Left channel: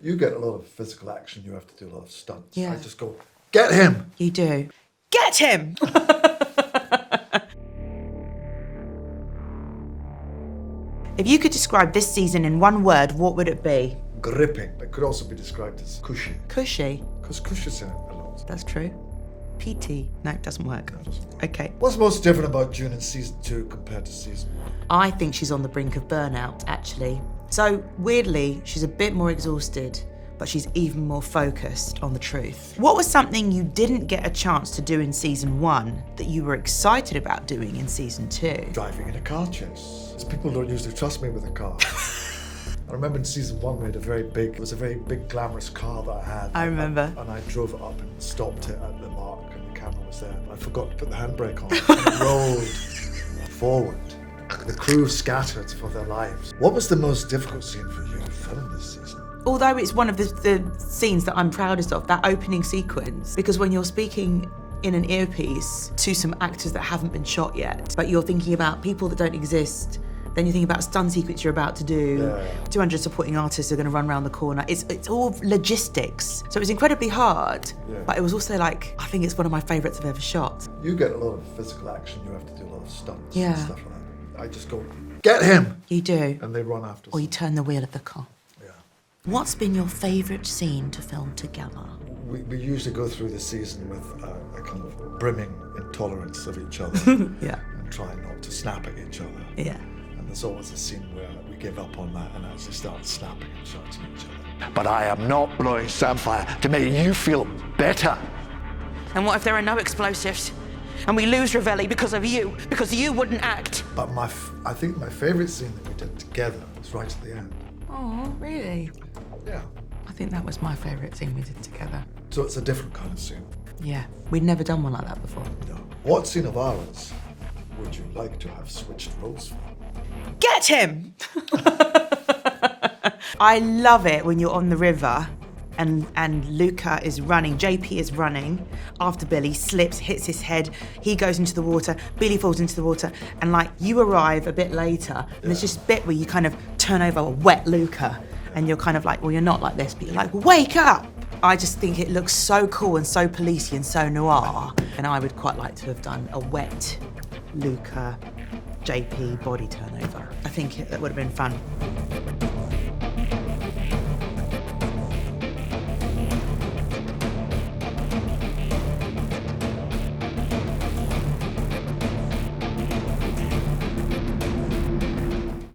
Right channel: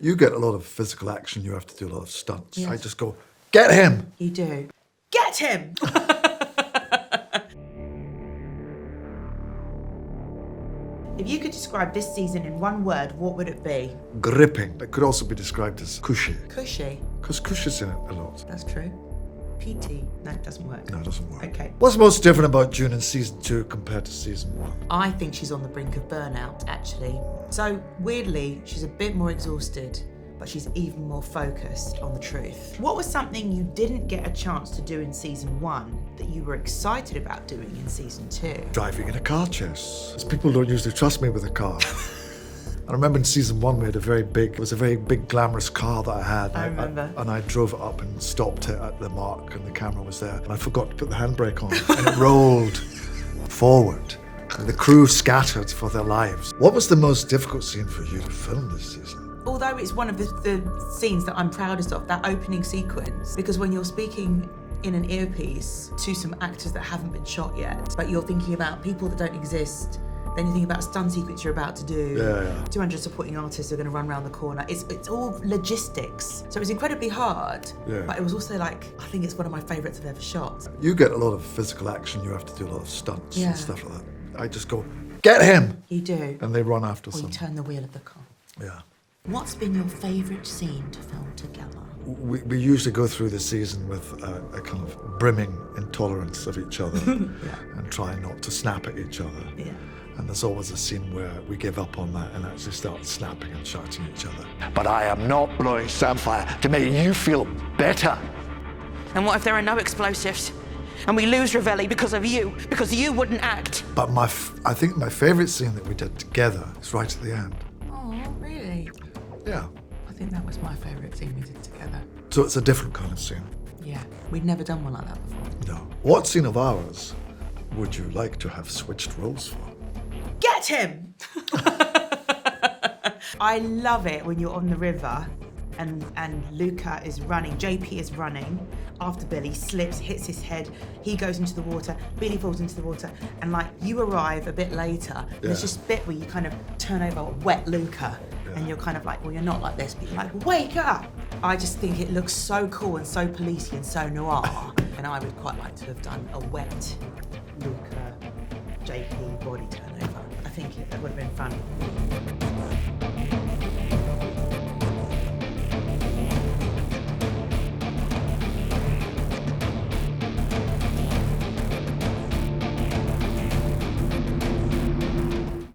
You get a lot of physical action, you have to do a lot of stunts. Yeah. I just go, get him! You do. Get him! If you could describe this season in one word, what would it be? Gripping. It could also be described as cushy. Cushy. Because Cush is in it a lot. That's true. PT. No, it doesn't work. No, it doesn't work. Okay. What's most different about June in season 2 compared to season 1? I think she's on the brink of burnout, actually. So, weirdly, she's a bit more exhausted, but she's even more focused on the truth. What was something you didn't get a chance to do in season 1 that you were excited about doing in season 2? Driving in a car chase. Because people don't usually trust me with a car. I remember in season 1 we had a very big glamorous car that I had. I remember. And I drove it up and stopped it at the mark and the camera was there. And I forgot to put the handbrake on and it rolled forward. And the crew scattered for their lives. What was the most difficult scene for you to film this season? Although it's one of the scenes that I'm proudest of, that opening sequence, because when you're speaking in an earpiece to some actors that haven't been shot yet, but you're thinking about people that don't exist, then you think about a stunt sequence you're about to do, 200 supporting artists are going to run around the corner. It's all logistics. So it was incredibly hard, but it was also like, I think it's one of my favourites I've ever shot. You get a lot of physical action, you have to do a lot of stunts Yeah. and stuff like that. I just go, get him! You do. And they run after Or someone. you turn the wheel of the car. Yeah. What's been your favourite scene to film together? We usually go through the season with a kind of brimming intolerance of each other. Yeah. And try not to snap at each other. Yeah. And there's always a scene where we give up on that and actually start snapping and shouting at each other. But I am not blowing samphire to make you feel better. And what if there are no explosives? And we lose Ravelli because of you, because you wouldn't act. But I think my favourite scene that we did together was right at the end. Oh, really? Yeah. I think that was my favourite scene we did together. So it's a different kind of scene. Yeah, we'd never done one like that before. No. What scene of ours would you like to have switched roles for? Get him! I love it when you're on the river and Luca is running, JP is running after Billy, slips, hits his head, he goes into the water, Billy falls into the water, and like you arrive a bit later, and there's this bit where you kind of turn over a wet Luca, and you're kind of like, well, you're not like this, but you're like, wake up! I just think it looks so cool and so policey and so noir, and I would quite like to have done a wet Luca, JP body turnover. I think that would have been fun.